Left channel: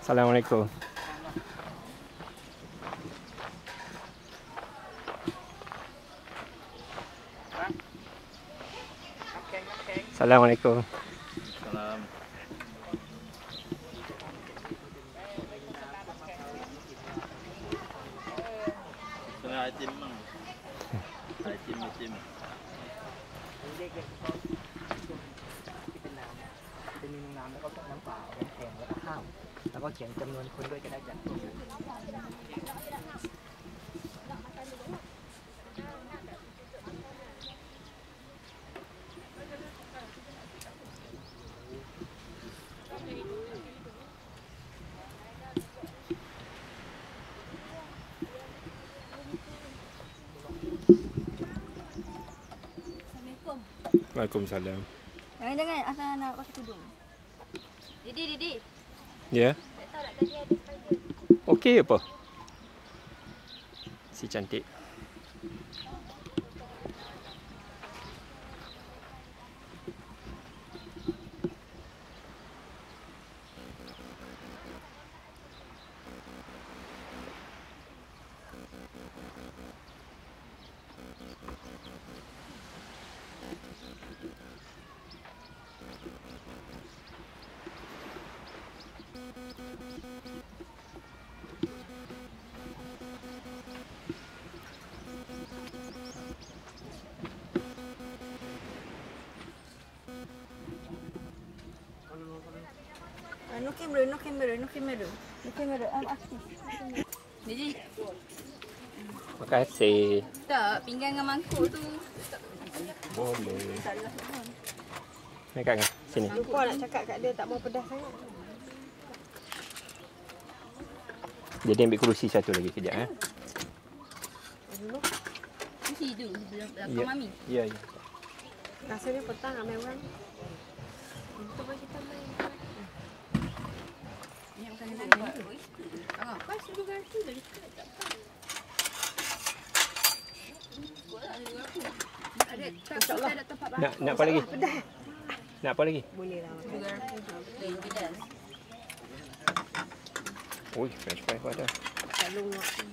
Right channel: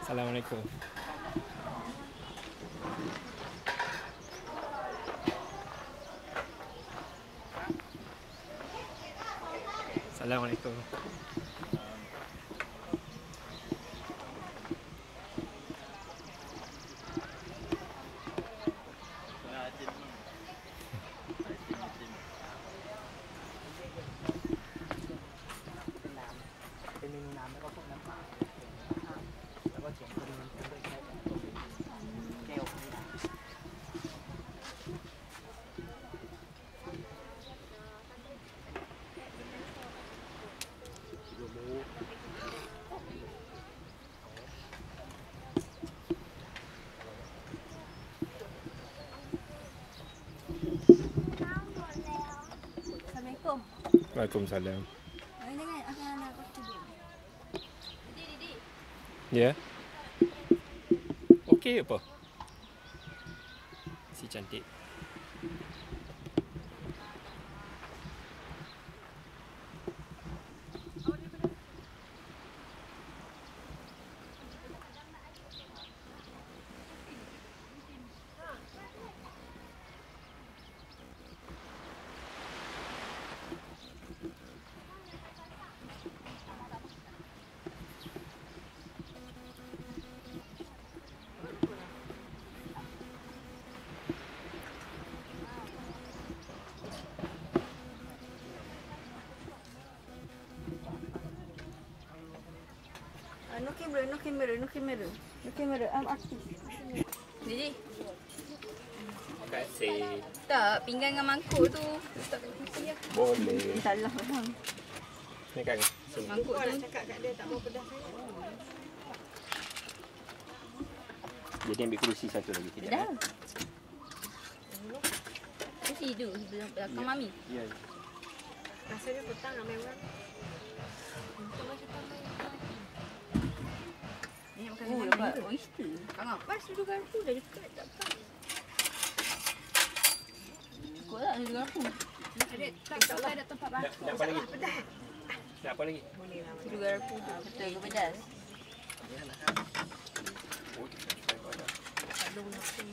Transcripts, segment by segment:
Assalamualaikum. Assalamualaikum. Salam. Kita minum น้ำ แล้วก็พวกน้ำเปล่าน้ำแข็งแล้วก็ข้าวแล้วก็เขียนจำนวนคนด้วยแค่จากแก้ว Assalamualaikum. Waalaikumsalam. Jangan asal nak pakai tudung. Didi. Ya. Okey apa? Si cantik. No camera. I'm aktif. Didi. Terima kasih. Tak, pinggan dengan mangkuk tu. Boleh. Salah. Ni kat sini. Mangkuk tu. Nak cakap kat dia tak mau pedas sangat. Jadi ambil kerusi satu lagi kejap. Kursi tu belakang mami. Ya. Rasanya petang ambil orang. Untuk kita main. Ni yang makan oyster. Apa sudu garpu dah dekat tak apa. Kau tak sudu garpu. Ada ada tempat baru. Nak apa lagi? Nak apa lagi? Boleh lah. Sudu garpu tu. Dari pedas. Oh, fresh pada. Selalu aku.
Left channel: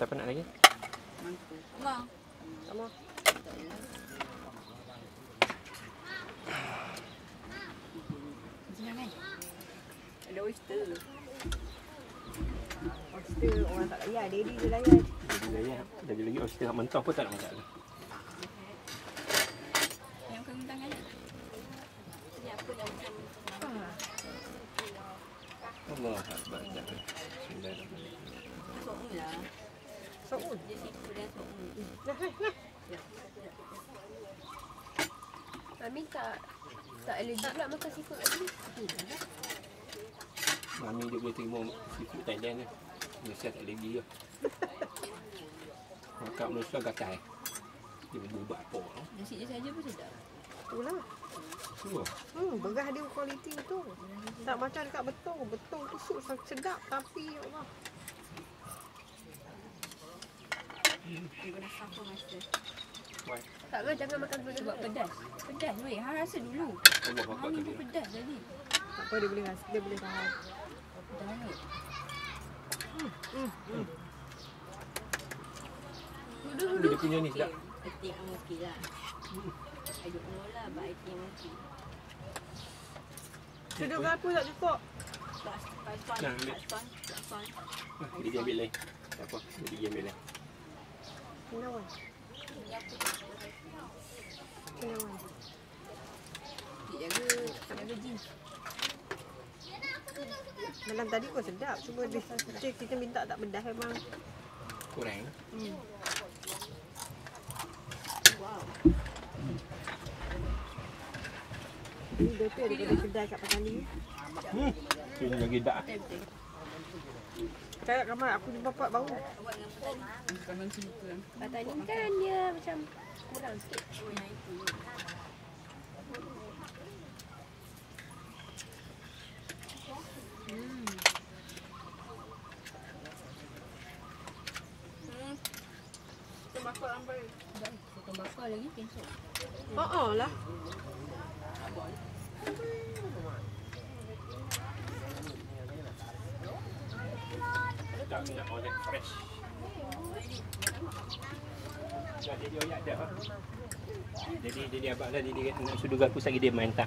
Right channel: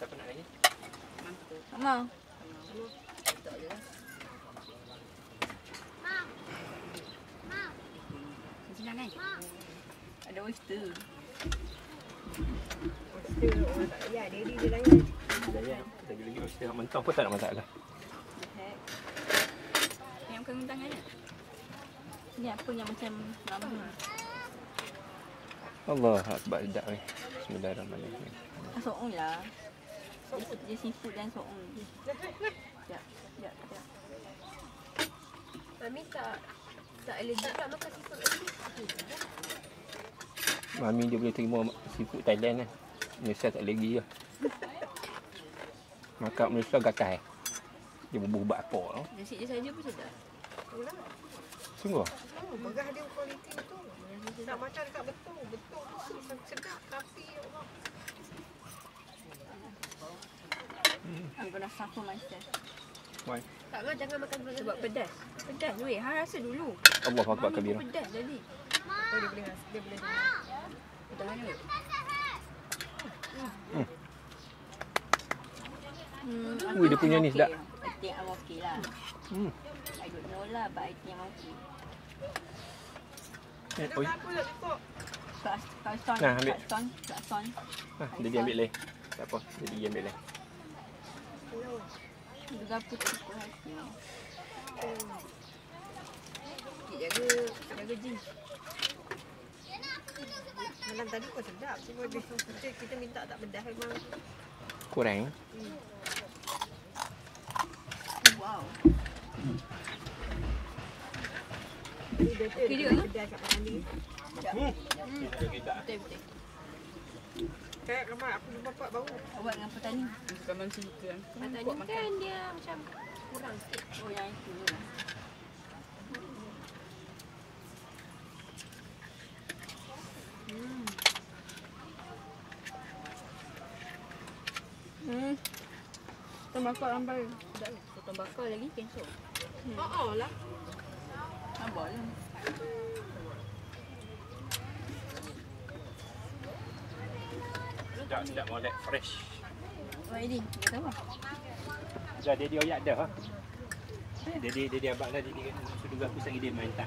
Siapa nak lagi? Mangkuk. Sama. Tak ada. Senang kan? Ada oyster. Oyster orang tak layan. Daddy dia layan. Jadi layan. Jadi lagi oyster mentah pun tak ada masalah. Yang bukan kentang kan? Ni apa yang macam lama? Allah Akbar. Dah ni. Bismillahirrahmanirrahim. So'un lah. So'un. Dia seafood dan so'un. Ya. Mami tak allergic nak makan seafood lagi. Mami dia boleh terima seafood Thailand lah. Malaysia tak lagi lah. Makan Malaysia gatal. Dia berbuh apa lah. Nasi dia saja pun sedap. Itulah. Sungguh? Berah dia kualiti betul. Tak macam dekat betul. Betul tu sup sedap tapi ya Allah. I'm gonna suffer myself. Why? Tak ke jangan makan gula. Sebab pedas. Pedas weh. Hang rasa dulu. Allah Akbar Mami kabira. pun pedas tadi. Apa dia boleh rasa? Dia boleh tahan. Pedas ni. Ui, dia punya ni sedap. I think I'm okay lah. I don't know lah, but I think I'm okay. Dia berapa tak cukup? Nah, ambil. Son. Dia ambil lain. Tak apa. Dia pergi ambil lain. Kenapa? Berapa tak cukup hati. Kenapa? Dia jaga jeans. Malam tadi pun sedap. Cuma kita minta tak pedas memang. Kurang. Wow. Ini betul dia pedas kat pasal ni. Dia lagi dak. Betul. Kayak ramai aku jumpa bapak baru. Awak dengan petani. Petani kan dia macam kurang sikit. Oh yang itu. Sotong bakar sampai dah sotong bakar lagi cancel. Oh lah. Tidak mau lihat fresh. Oh ini, sama. Dah dia oyak dah. Jadi dia abang dah dia sudah gapus lagi dia main tak.